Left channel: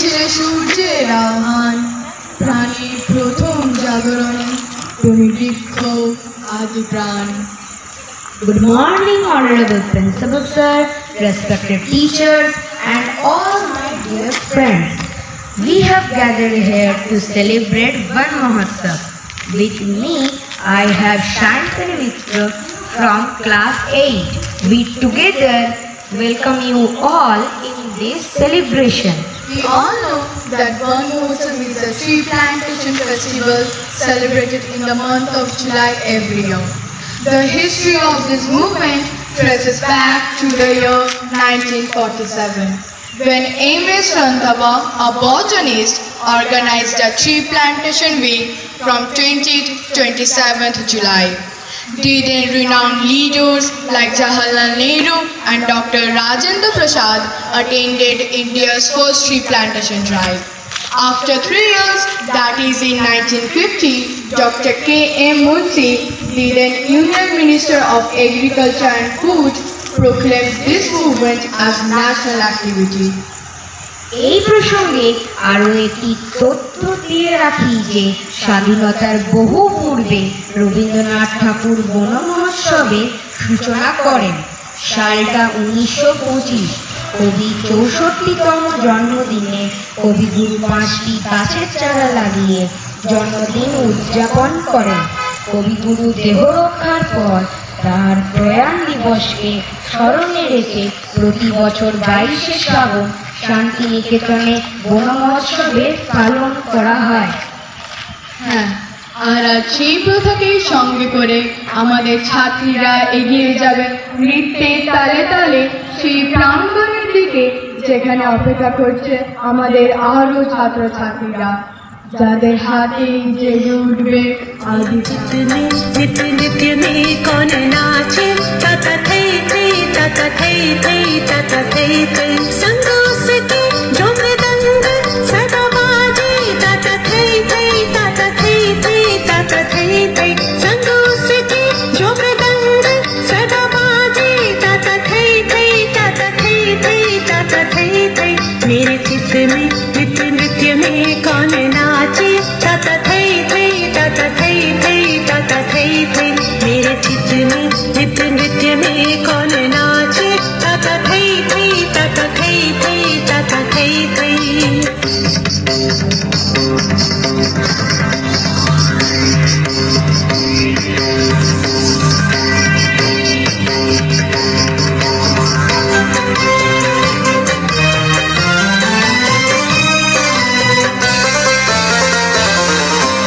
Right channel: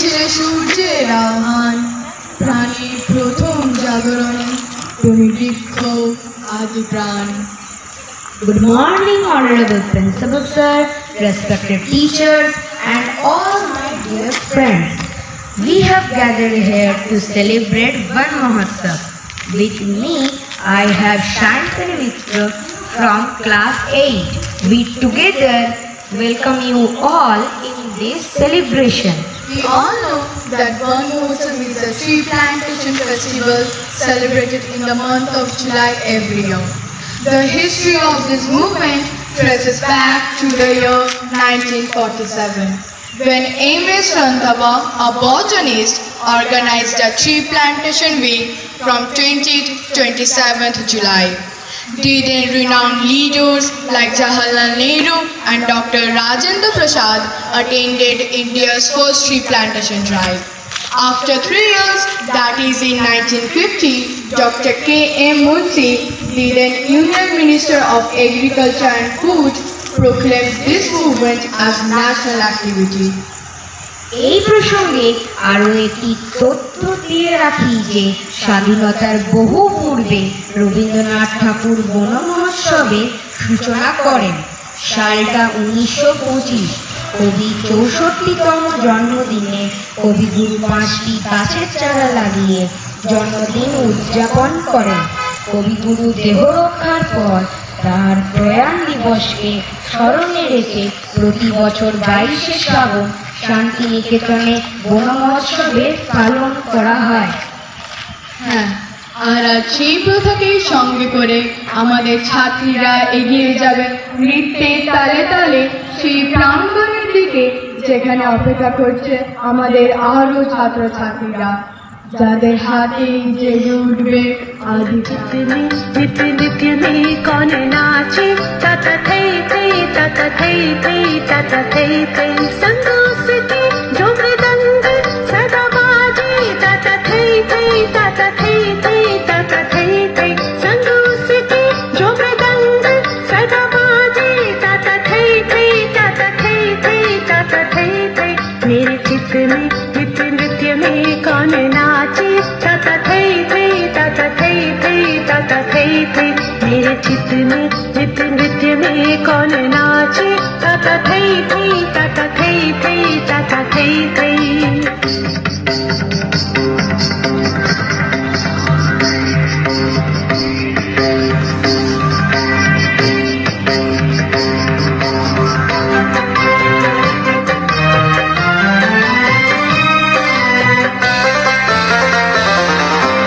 জেগেছিল সূর্যের আহ্বান, প্রাণীর প্রথম জাগরণে তুমি বৃক্ষ আদি প্রাণ। Good morning, Honorable Principal Sir, respected teachers, and all my dear friends. We have gathered here to celebrate Van Mahotsav. With me, I have Shantanu Mitra from class 8. We together welcome you all in this celebration. We all know that Van Mahotsav is a tree plantation festival celebrated in the month of July every year. The history of this movement traces back to the year 1947, when Amos Randhawa, a botanist, organized a tree plantation week from 20th to 27th July. Then renowned leaders like Jawaharlal Nehru and Dr. Rajendra Prasad attended India's first tree plantation drive. After 3 years, that is in 1950, Dr. K.M. Munshi, the then Union Minister of Agriculture and Food, proclaimed this movement as national activity. এই প্রসঙ্গে আরও একটি তথ্য দিয়ে রাখি যে স্বাধীনতার বহু পূর্বে রবীন্দ্রনাথ ঠাকুর বন মহোৎসবের সূচনা করেন। সালটা 1925। কবি 64তম জন্মদিনে কবিগুরু 5টি গাছের চারা লাগিয়ে জন্মদিন উদযাপন করেন। কবিগুরু দেহরক্ষার পর তার প্রয়াণ দিবসকে স্মরণে রেখে প্রতি বছর 22শে শ্রাবণ শান্তিনিকেতনে বন মহোৎসবের পালন করা হয়। হ্যাঁ, আর সেই প্রথাকে সঙ্গে করে আমাদের ছাত্রীরা এগিয়ে যাবে নৃত্যে তালে তালে সেই প্রাঙ্গণের দিকে, যেখানে অপেক্ষা করছে আমাদের আরো ছাত্রছাত্রীরা, যাদের হাতে জেগে উঠবে আদি नित्य नित्य में कौन नाचे, तत थई थई तत थई थई तत थई थई संगीत के जो मृदंग सदा बाजे, तत थई थई तत थई थई तत थई थई संगीत के जो मृदंग सदा बाजे, तत थई थई तत थई थई तत थई थई मेरे चित्त में नित्य नृत्य में कौन नाचे, तत थई थई तत थई थई तत थई थई मेरे चित्त में नित्य नृत्य में कौन नाचे, तत थई थई तत थई थई तत थई थई।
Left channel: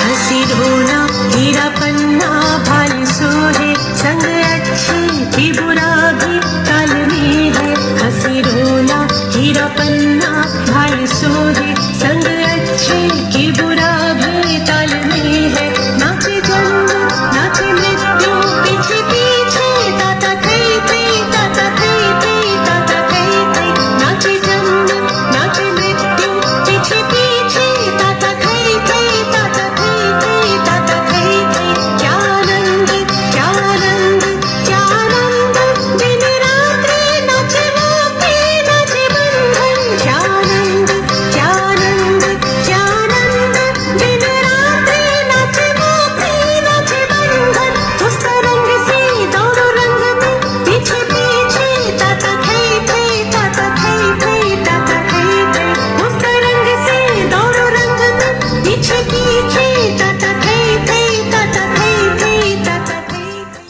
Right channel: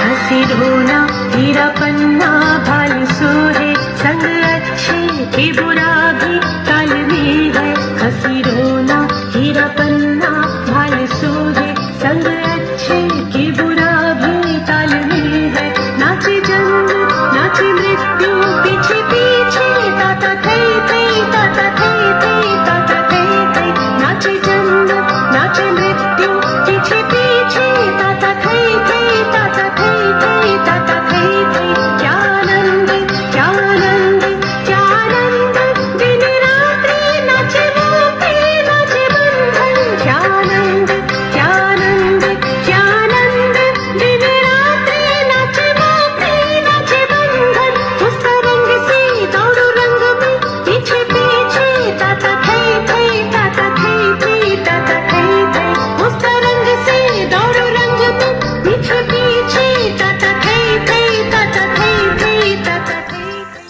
हंसी धोना हीरा पन्ना भाई सोहे संग अच्छी की बुरा भी ताल में है। हंसी धोना हीरा पन्ना भाई सोहे संग अच्छी की बुरा भी ताल में है। नाचे जन्म नाचे मृत्यु पीछे पीछे, ताता थई थई ताता थई थई ताता थई थई नाचे जन्म नाचे मृत्यु पीछे पीछे, ताता थई थई ताता थई थई ताता थई थई क्या आनंद क्या आनंद क्या आनंद दिन रात्रि नाचे मोती नाचे बंधन, क्या आनंद क्या आनंद क्या आनंद दिन रात्रि नाचे मोती नाचे बंधन। उस तरंग से दोनों रंग में पीछे पीछे, ताता थई थई ताता थई थई ताता थई थई उस तरंग से दोनों रंग में पीछे पीछे, ताता थई थई ताता थई थई ताता थई थई।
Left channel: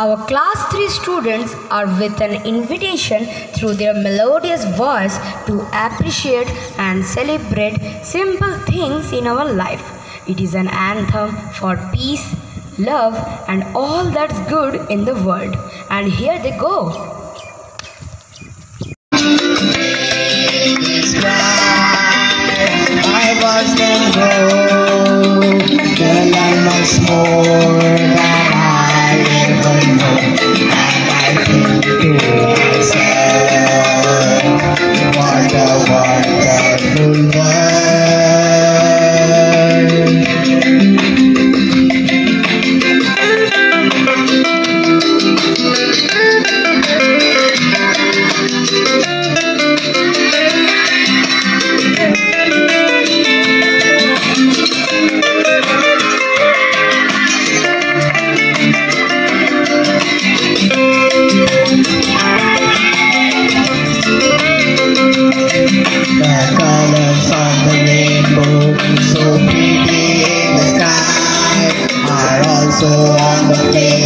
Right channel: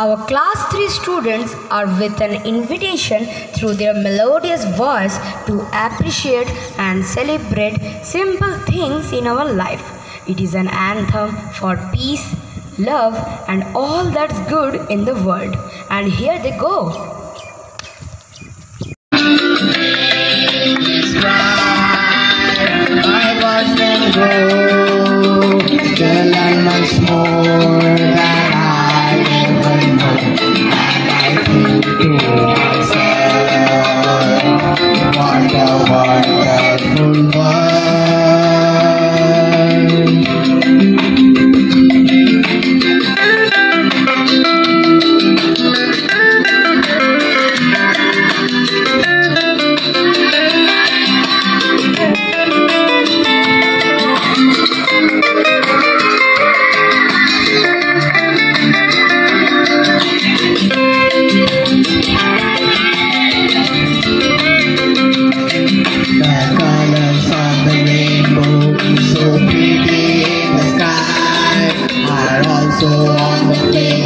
Our class 3 students are with an invitation through their melodious voice to appreciate and celebrate simple things in our life. It is an anthem for peace, love, and all that's good in the world. And here they go. I watched them go, the land once more that I ever know, and I think to myself, what a wonderful world. The colors of the rainbow, so pretty in the sky, are also on the place.